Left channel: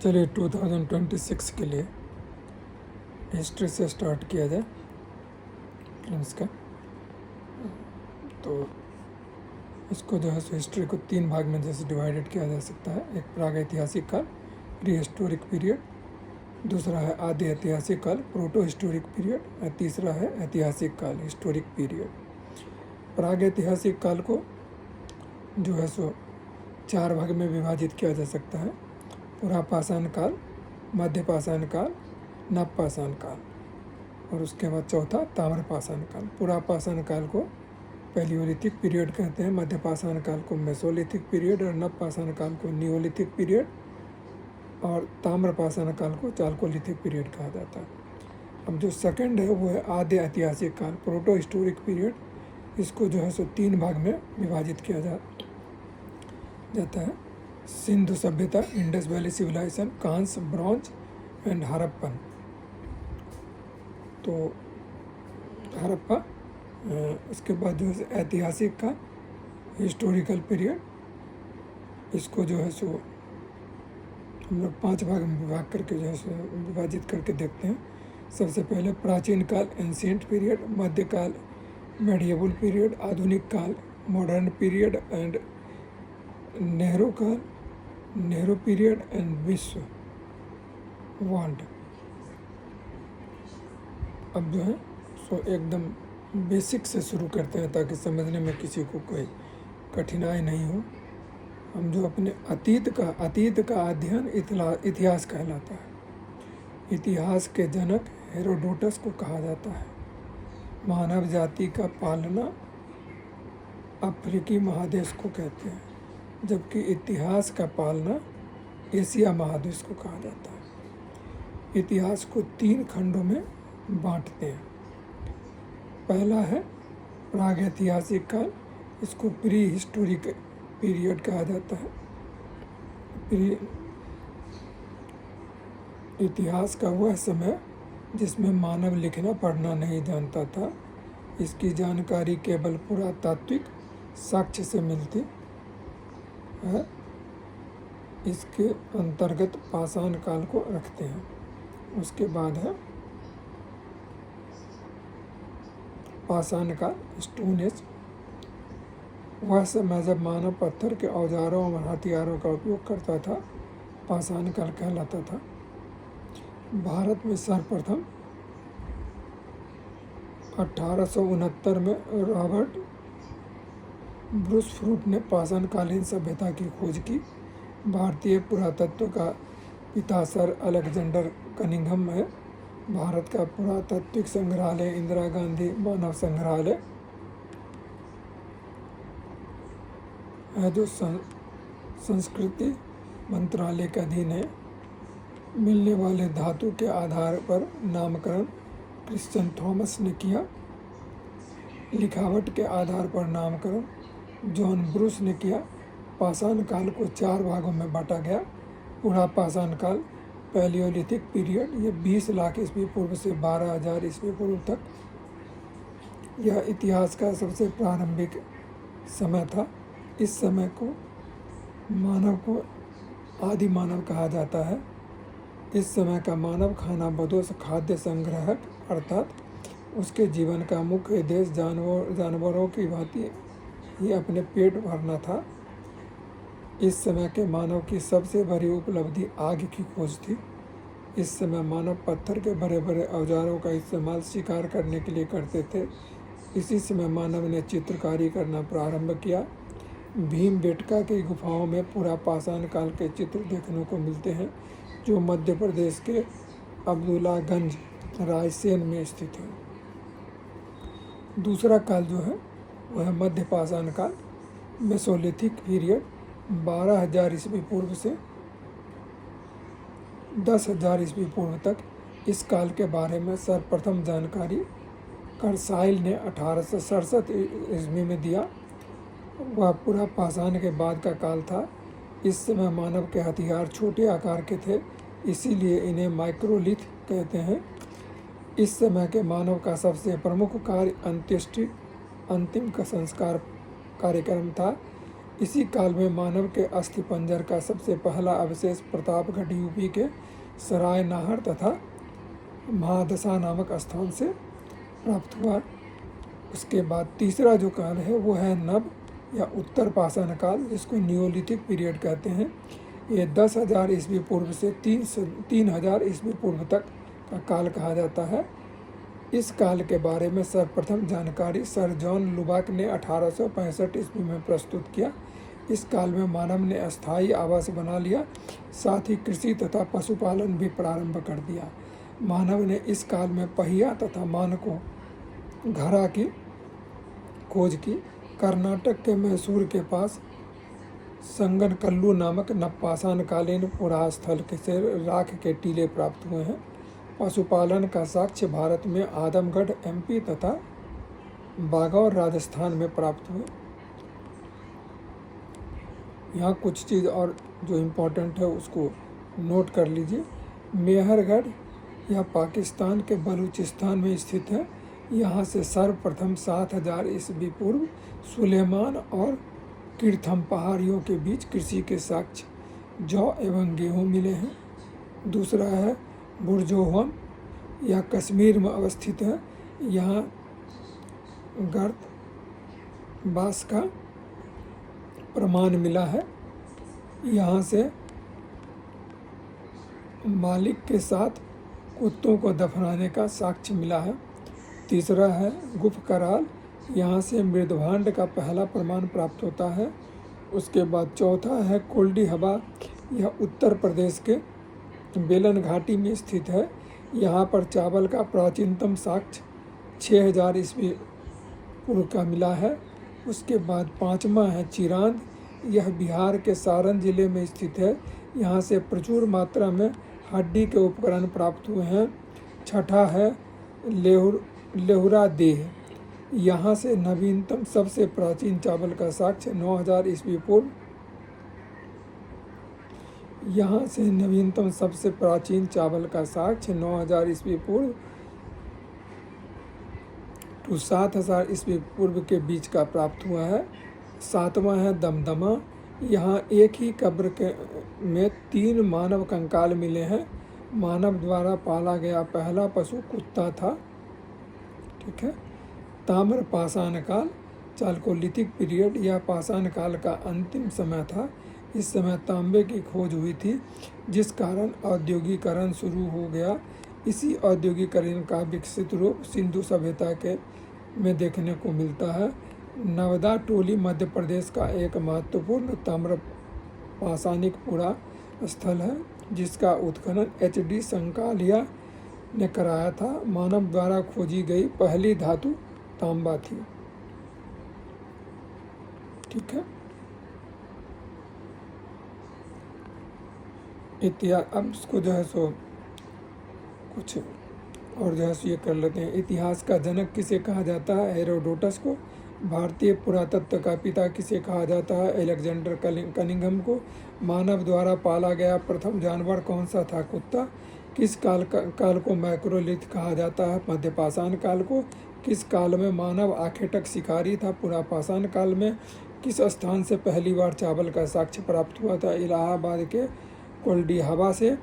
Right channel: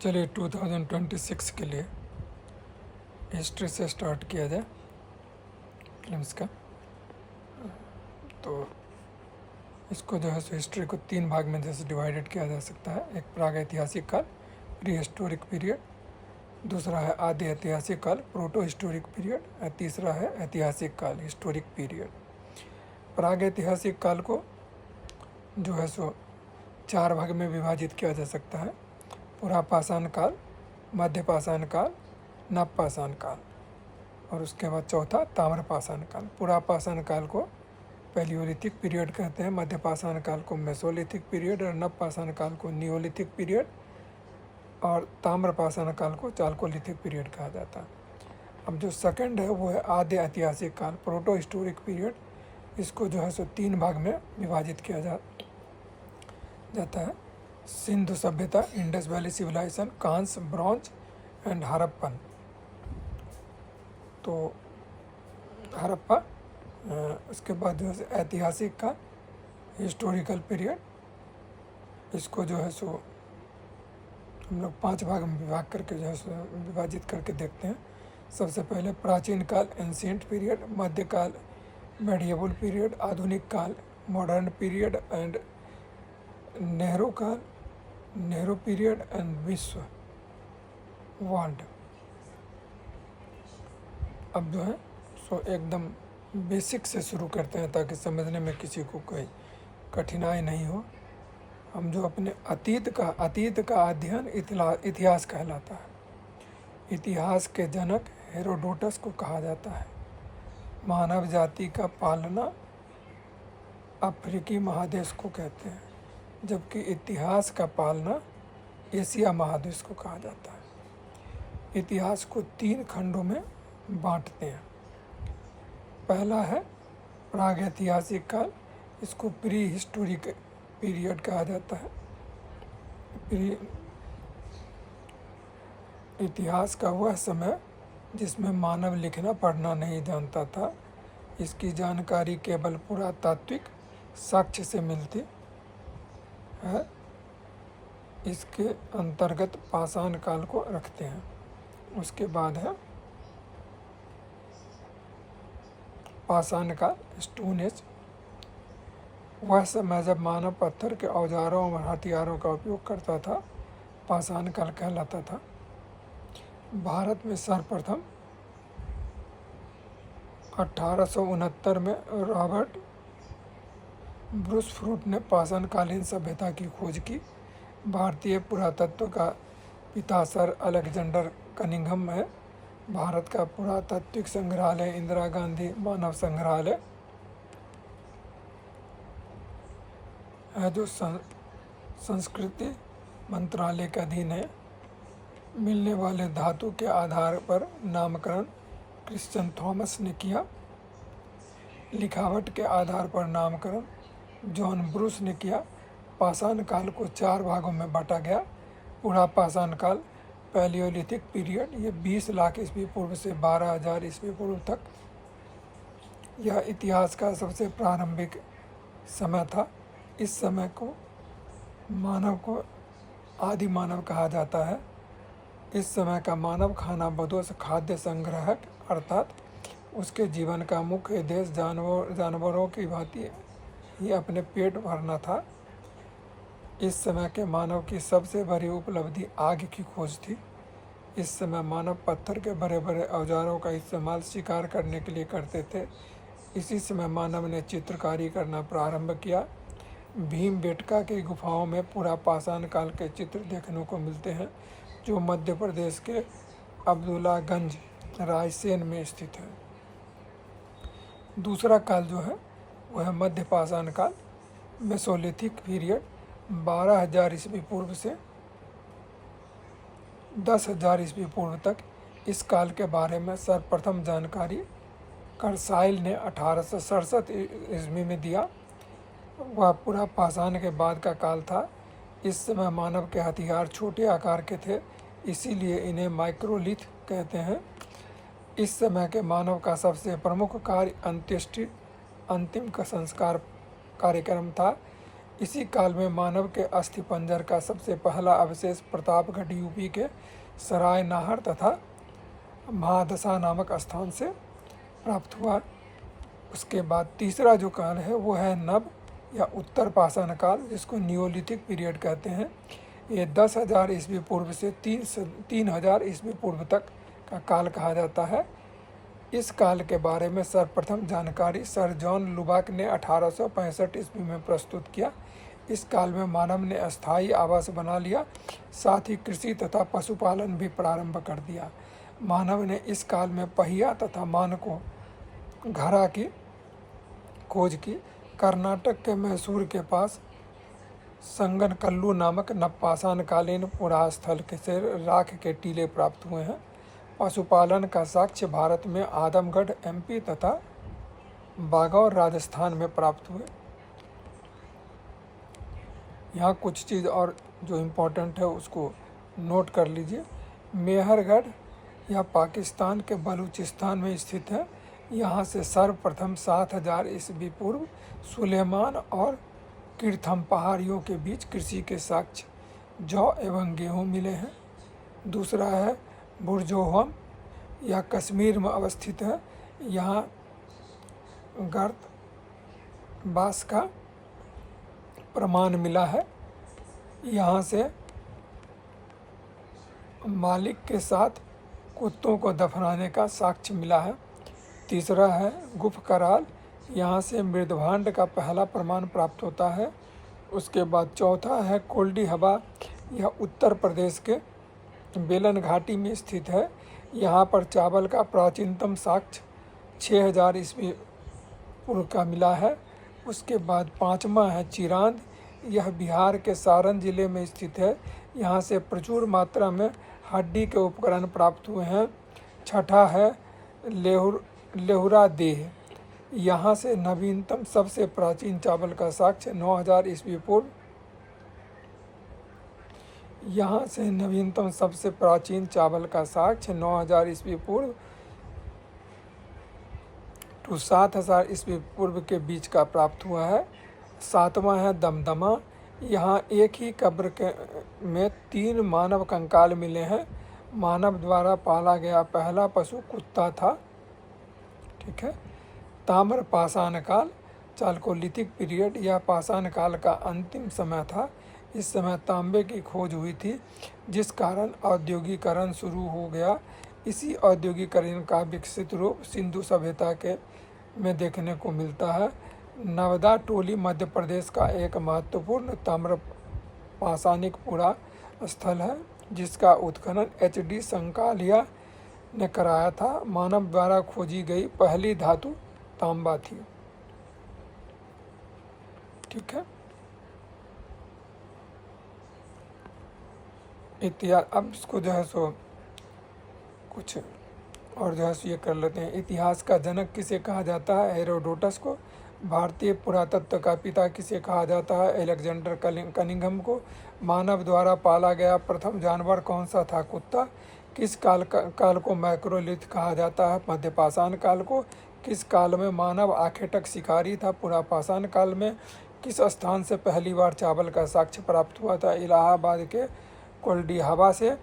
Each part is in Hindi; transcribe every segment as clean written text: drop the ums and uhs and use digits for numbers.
चलिए 2026 के लिए हिस्ट्री से स्टार्ट किया जाए फिल्म्स का। तो इसको जो है सो हिस्ट्री को 3 भाग में जैसे डिवाइडेड किया जा सकता है। एक प्रागैतिहासिक काल, प्री हिस्टोरिक पीरियड, दूसरा है आदि ऐतिहासिक काल, प्रोटो हिस्टोरिक पीरियड, और तीसरा है ऐतिहासिक काल, हिस्टोरिक पीरियड। प्रागैतिहासिक काल को जो है सो 4 भाग में विभाजित किया जा सकता है। पुरापाषाण काल, मध्यपाषाण काल, नवपाषाण काल, और उसके बाद चौथा ताम्रपाषाण काल। पुरापाषाण काल को पैलियोलिथिक पीरियड कहते हैं, मध्यपाषाण काल को मेसोलिथिक पीरियड, और नवपाषाण काल को नियोलिथिक पीरियड, और ताम्रपाषाण काल को चालकोलिथिक पीरियड कहा जाता है। अब जो सेकंड है वो है आद्य ऐतिहासिक काल, प्रोटो हिस्टोरिक पीरियड। इसको जो है सो 3 भाग में विभाजित किया जाता है। सिंधु सभ्यता, इंडस वैली सिविलाइजेशन, कांस, ब्रॉन्ज एंड हड़प्पन। तो हड़प्पा, उसके बाद जो है ऐतिहासिक का हिस्टोरिकल पीरियड, इसको जो है सो हम लोग 5 भाग में विभाजित करके देखते हैं। सबसे पहले प्राचीन काल, एंशिएंट पीरियड, मध्यकाल, मेडिएवल पीरियड, आधुनिक काल, मॉडर्न पीरियड, एंड नेहरू काल, नेहरू पीरियड, एंड विश्व वर्ल्ड। अब जो है सो एकदम बेसिक से शुरू करते हैं ताकि समझने में किसी को कोई कठिनाई नहीं हो। हम जो अपने अतीत का अध्ययन इतिहास कहलाता है। इतिहास के जनक हेरोडोटस को कहा जाता है। मानव जाति का पालना अफ्रीकी महादेश को कहते हैं, जबकि इतिहास का पालना एशिया महादेश को कहा जाता है। इतिहास को 3 खंडों में बांटते हैं। पहला है प्रागैतिहासिक काल, इसको प्री हिस्टोरिक पीरियड कहा जाता है। इतिहास का वह समय जिसमें मानव लिखना पढ़ना नहीं जानता था। इसकी जानकारी केवल पुरातात्विक साक्ष्य से मिलती है। इसके अंतर्गत पाषाण काल को रखते हैं। उसके बाद है पाषाण काल, स्टोन एज। वह समय जब मानव पत्थर के औजारों और हथियारों का उपयोग करता था, पाषाण काल कहलाता था। भारत में सर्वप्रथम 1869 में रॉबर्ट ब्रूसफ्रूट ने पाषाणकालीन सभ्यता की खोज की। भारतीय पुरातत्व का पिता सर अलेक्जेंडर कनिंघम है। भारत का पुरातात्विक संग्रहालय इंदिरा गांधी मानव संग्रहालय है, जो संस्कृति मंत्रालय के अधीन है। मिलने वाले धातु के आधार पर नामकरण क्रिश्चियन थॉमस ने किया। लिखावट के आधार पर नामकरण जॉन ब्रूस ने किया। पाषाण काल को 4 भागों में बांटा गया। पुरापाषाण काल, पैलियोलिथिक पीरियड, ये 20 लाख ईस्वी पूर्व से 12,000 ईस्वी पूर्व तक यह इतिहास का सबसे प्रारंभिक समय था। इस समय को मानव को आदि मानव कहा जाता है। इस समय का मानव खाना बदोश खाद्य संग्रहक, अर्थात उसके जीवन का मुख्य उद्देश्य जानवरों की भांति ही अपने पेट भरना था। इस समय के मानव की सबसे बड़ी उपलब्धि आग की खोज थी। इस समय मानव पत्थर के बड़े बड़े औजारों का इस्तेमाल शिकार करने के लिए करते थे। इसी समय मानव ने चित्रकारी करना प्रारंभ किया। भीमबेटका की गुफाओं में पुरापाषाण काल के चित्र देखने को मिलते हैं, जो मध्य प्रदेश के अब्दुल्लागंज रायसेन में स्थित है। दूसरा काल जो है वह है मध्यपाषाण काल, मेसोलिथिक पीरियड, 12,000 ईस्वी पूर्व से 10,000 ईस्वी पूर्व तक। इस काल के बारे में सर्वप्रथम जानकारी कर्साइल ने 1867 ईस्वी में दिया। वह पुरापाषाण के बाद का काल था। इस समय मानव के हथियार छोटे आकार के थे, इसीलिए इन्हें माइक्रोलिथ कहते हैं। इस समय के मानव का सबसे प्रमुख कार्य अंत्येष्टि, अंतिम का संस्कार कार्यक्रम था। इसी काल में मानव के अस्थिपंजर का सबसे पहला अवशेष प्रतापगढ़ यूपी के सराय नाहर तथा महादशा नामक स्थान से प्राप्त हुआ। उसके बाद तीसरा जो काल है वो है नव या उत्तर पाषाण काल, जिसको नियोलिथिक पीरियड कहते हैं। ये 10,000 ईस्वी पूर्व से 3,000 ईस्वी पूर्व तक का काल कहा जाता है। इस काल के बारे में सर्वप्रथम जानकारी सर जॉन लुबाक ने 1865 ईस्वी में प्रस्तुत किया। इस काल में मानव ने अस्थायी आवास बना लिया, साथ ही कृषि तथा पशुपालन भी प्रारंभ कर दिया। मानव ने इस काल में पहिया तथा मानकों घड़ा की खोज की। कर्नाटक के मैसूर के पास संगनकल्लू नामक नवपाषाण कालीन पुरास्थल से राख के टीले प्राप्त हुए हैं। पशुपालन का साक्ष्य भारत में आदमगढ़ एमपी तथा बागौर राजस्थान में प्राप्त हुए। यहाँ कुछ चीज़ और जो इम्पोर्टेंट है उसको नोट कर लीजिए। मेहरगढ़ यह पाकिस्तान के बलूचिस्तान में स्थित है। यहाँ से सर्वप्रथम 7,000 ईस्वी पूर्व सुलेमान और कीर्थम पहाड़ियों के बीच कृषि के साक्ष्य जौ एवं गेहूँ मिले हैं। दूसरा है बुरजोहम, यह कश्मीर में अवस्थित है। यहाँ गर्त बास का प्रमाण मिला है। यहाँ से मालिक के साथ कुत्तों को दफनाने का साक्ष्य मिला है। तीसरा है गुफकराल, यहाँ से मृदभांड का पहला प्रमाण प्राप्त होता है। उसके बाद चौथा है कोल्डी हवा, यह उत्तर प्रदेश के बेलन घाटी में स्थित है। यहाँ पर चावल का प्राचीनतम साक्ष्य 6,000 ईस्वी पूर्व का मिला है। उसके बाद पांचवा है चिरांद, यह बिहार के सारण जिले में स्थित है। यहाँ से प्रचुर मात्रा में हड्डी के उपकरण प्राप्त हुए हैं। छठा है लेहुरा देह, यहाँ से नवीनतम सबसे प्राचीन चावल का साक्ष्य 9,000 ईस्वी पूर्व। यहाँ से नवीनतम सबसे प्राचीन चावल का साक्ष्य 9,000 ईस्वी पूर्व टू 7,000 ईस्वी पूर्व के बीच का प्राप्त हुआ है। सातवां है दमदमा, यहाँ एक ही कब्र में 3 मानव कंकाल मिले हैं। मानव द्वारा पाला गया पहला पशु कुत्ता था। ठीक है। ताम्र पाषाण काल, चालकोलिथिक पीरियड, यह पाषाण काल का अंतिम समय था। इस समय तांबे की खोज हुई थी, जिस कारण औद्योगिकरण शुरू हो गया। इसी औद्योगिकरण का विकसित रूप सिंधु सभ्यता के में देखने को मिलता है। नवदा टोली मध्य प्रदेश का एक महत्वपूर्ण ताम्र पाषाणिक पुरा स्थल है, जिसका उत्खनन HD संकालिया ने कराया था। मानव द्वारा खोजी गई पहली धातु तांबा थी। ठीक है। इतिहास, अब इसको जो है सो कुछ और जो है सो ये कर लेते हैं। इतिहास का जनक किसे कहा जाता है? हेरोडोटस को। भारतीय पुरातत्व का पिता किसे कहा जाता है? अलेक्जेंडर कनिंघम को। मानव द्वारा पाला गया प्रथम जानवर कौन सा था? कुत्ता। किस काल को मैक्रोलिथ कहा जाता है? मध्य पाषाण काल को। किस काल में मानव आखेटक शिकारी था? पुरा पाषाण काल में। किस स्थान से पहली बार चावल का साक्ष्य प्राप्त हुआ था? इलाहाबाद के कोल्डी हवा से।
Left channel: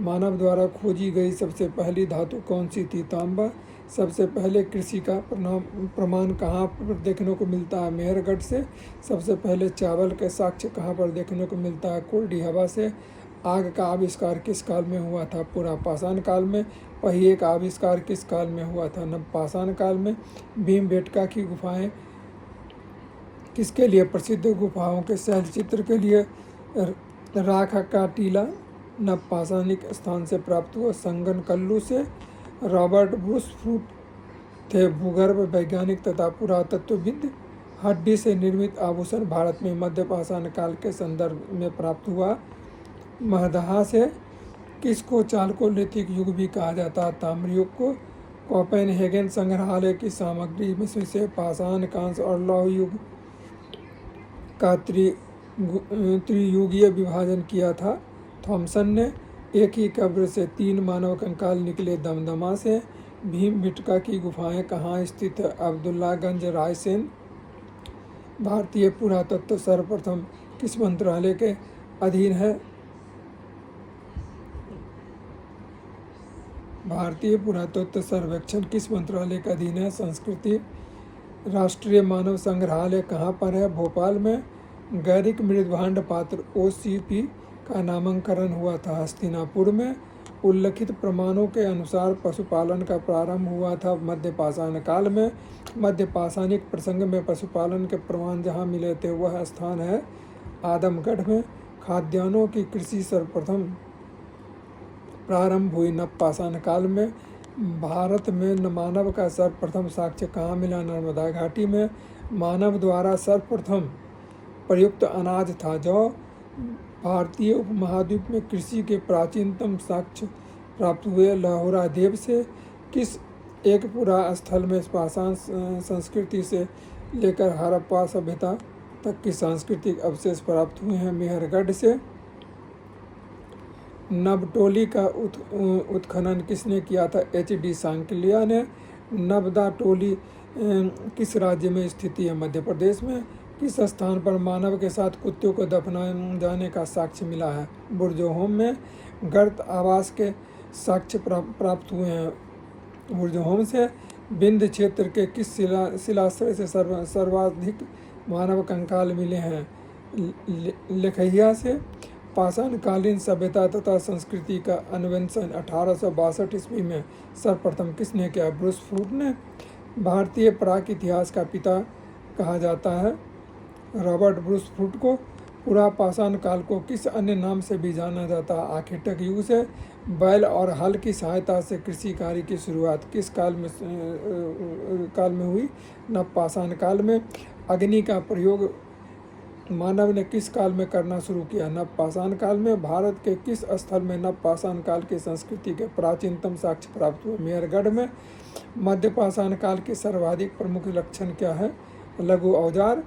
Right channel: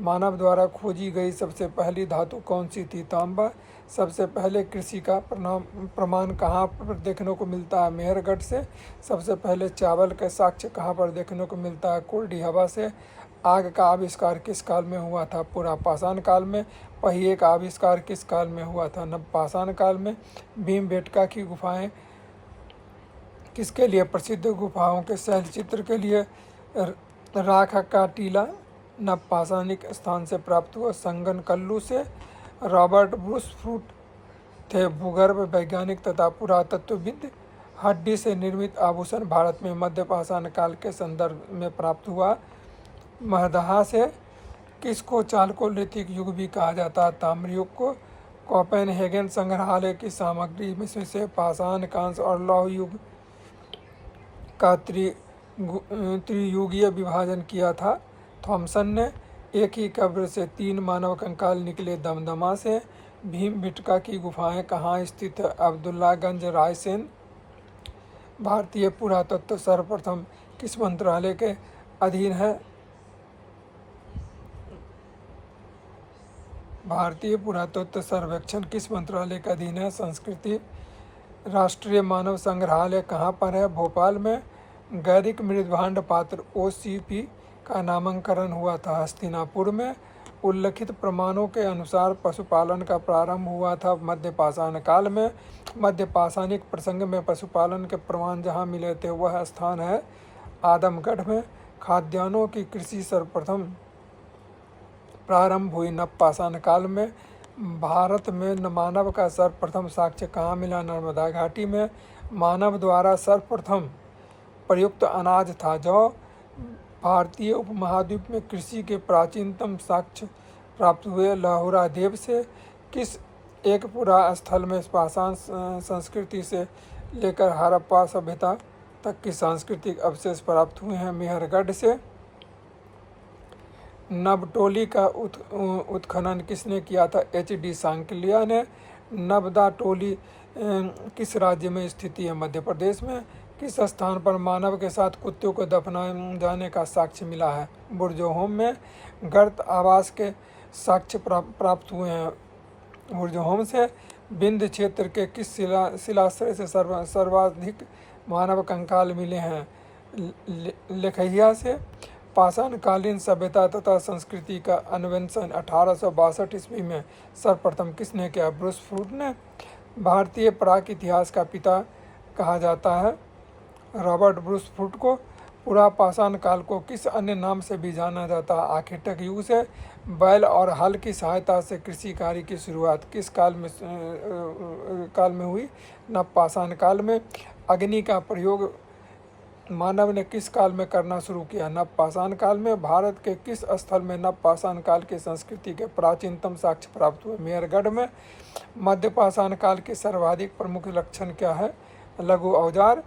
मानव द्वारा खोजी गई सबसे पहली धातु कौन सी थी? तांबा। सबसे पहले कृषि का प्रमाण कहाँ पर देखने को मिलता है? मेहरगढ़ से। सबसे पहले चावल का साक्ष्य कहाँ पर देखने को मिलता है? कोल्डी हवा से। आग का आविष्कार किस काल में हुआ था? पुरा पाषाण काल में। पहिए का आविष्कार किस काल में हुआ था? नवपाषाण काल में। भीमबेटका की गुफाएं किसके लिए प्रसिद्ध? गुफाओं के शैलचित्र के लिए। राख का टीला नवपाषाणिक स्थान से प्राप्त हुआ। संगनकल्लू से। रॉबर्ट ब्रूस फ्रूट थे भूगर्भ वैज्ञानिक तथा पुरातत्वविद। हड्डी से निर्मित आभूषण भारत में मध्य पाषाण काल के संदर्भ में प्राप्त हुआ। महदहा से। किसको चालकोलिथिक युग भी कहा जाता है? ताम्र युग को। कोपेनहेगन संग्रहालय की सामग्री में से पाषाण, कांस्य और लौह युग का त्रियुगीय विभाजन किया था। थॉमसन ने। एक ही कब्र से 3 मानव कंकाल निकले दमदमा से। भीमबेटका की गुफाएं कहाँ स्थित है? अब्दुल्लागंज, रायसेन। भारतीय पुरातत्व सर्वप्रथम किस मंत्रालय के अधीन है? भारतीय पुरातत्व सर्वेक्षण किस मंत्रालय के अधीन है? संस्कृति। राष्ट्रीय मानव संग्रहालय कहाँ पर है? भोपाल में। गैरिक मृदभांड पात्र OCP का नामांकन हुआ था हस्तिनापुर में। उल्लिखित प्रमाणों के अनुसार पशुपालन का प्रारंभ हुआ था मध्य पाषाण काल में। मध्य पाषाणिक प्रसंग में पशुपालन के प्रमाण जहाँ मिले थे वह स्थान है आदमगढ़ में। खाद्यान्नों की कृषि सर्वप्रथम प्रारंभ हुई नवपाषाण काल में। भारत में मानव का सर्वप्रथम साक्ष्य कहाँ मिला? नर्मदा घाटी में। मानव द्वारा सर्वप्रथम प्रयुक्त अनाज था जौ। भारतीय उपमहाद्वीप में कृषि के प्राचीनतम साक्ष्य प्राप्त हुए लाहौरा देव से। किस एक पुरा स्थल में पाषाण संस्कृति से लेकर हड़प्पा सभ्यता तक की सांस्कृतिक अवशेष प्राप्त हुए हैं? मेहरगढ़ से। नबटोली का उत्खनन किसने किया था? HD सांकलिया ने। नबदा टोली किस राज्य में स्थित है? मध्य प्रदेश में। किस स्थान पर मानव के साथ कुत्तों को दफनाए जाने का साक्ष्य मिला है? बुर्जोहोम में। गर्त आवास के साक्ष्य प्राप्त हुए हैं बुर्जोहोम से। विंध्य क्षेत्र के किस शिलाश्रय से सर्वाधिक मानव कंकाल मिले हैं? लेखैया से। पाषाणकालीन सभ्यता तथा संस्कृति का अन्वेषण 1862 ईस्वी में सर्वप्रथम किसने किया? ब्रूस फूट ने। भारतीय प्राक इतिहास का पिता कहा जाता है रॉबर्ट ब्रूस फूट को। पुरा पाषाण काल को किस अन्य नाम से भी जाना जाता है? आखेटक युग से। बैल और हल की सहायता से कृषि कार्य की शुरुआत किस काल में हुई? नवपाषाण काल में। अग्नि का प्रयोग मानव ने किस काल में करना शुरू किया? नवपाषाण काल में। भारत के किस स्थल में नवपाषाण काल की संस्कृति के प्राचीनतम साक्ष्य प्राप्त हुए? मेहरगढ़ में। मध्य पाषाण काल के सर्वाधिक प्रमुख लक्षण क्या है? लघु औजार।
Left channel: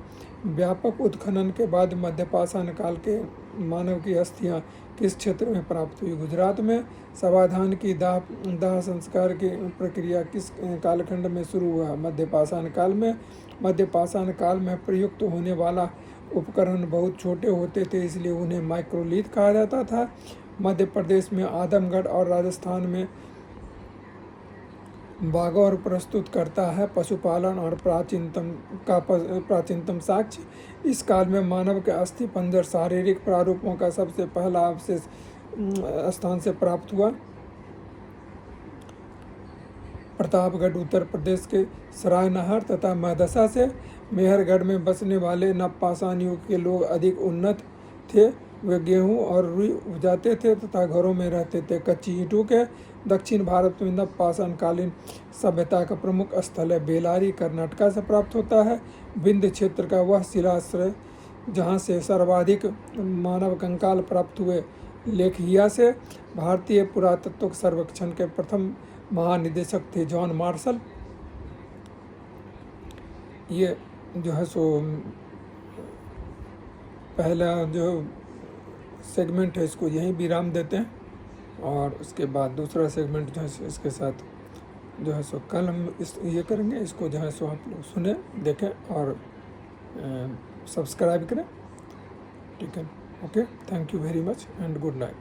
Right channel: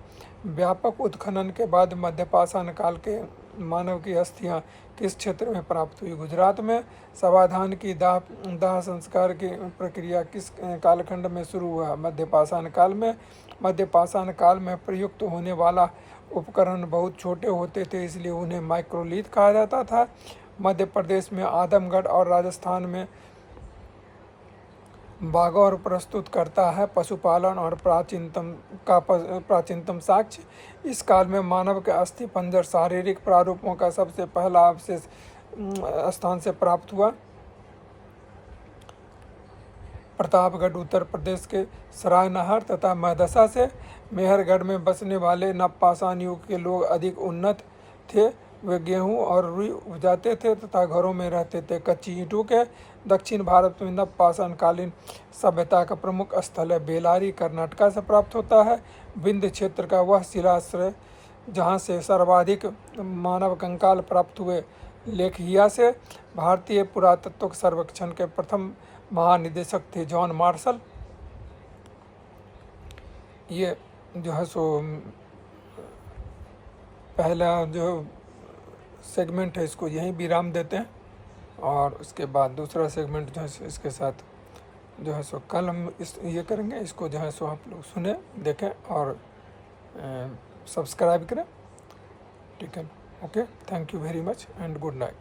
व्यापक उत्खनन के बाद मध्य पाषाण काल के मानव की अस्थियां किस क्षेत्र में प्राप्त हुई? गुजरात में। समाधान की दाह संस्कार की प्रक्रिया किस कालखंड में शुरू हुआ? मध्य पाषाण काल में। मध्य पाषाण काल में प्रयुक्त होने वाला उपकरण बहुत छोटे होते थे इसलिए उन्हें माइक्रोलिथ कहा जाता था। मध्य प्रदेश में आदमगढ़ और राजस्थान में बागौर प्रस्तुत करता है पशुपालन और प्राचीनतम साक्ष्य। इस काल में मानव के अस्थि पंजर शारीरिक प्रारूपों का सबसे पहला अवशेष स्थान से प्राप्त हुआ? प्रतापगढ़ उत्तर प्रदेश के सरायनहर तथा महदसा से। मेहरगढ़ में बसने वाले नवपाषाण युग के लोग अधिक उन्नत थे। वे गेहूं और रुई उपजाते थे तथा घरों में रहते थे। कच्ची ईंटों के। दक्षिण भारत में नवपाषाणकालीन सभ्यता का प्रमुख स्थल है बेलारी, कर्नाटका से प्राप्त होता है। विंध्य क्षेत्र का वह शिलाश्रय जहाँ से सर्वाधिक मानव कंकाल प्राप्त हुए लेखहिया से। भारतीय पुरातत्व सर्वेक्षण के प्रथम महानिदेशक थे जॉन मार्शल। ये जो है सो पहला जो सेगमेंट है इसको यहीं विराम देते हैं और उसके बाद दूसरा सेगमेंट जो है इसके साथ जो है सो कल हम ये करेंगे। इसको जो है सो आप लोग सुने, देखें और सब्सक्राइब करें। ठीक है, okay, thank you very much and good night.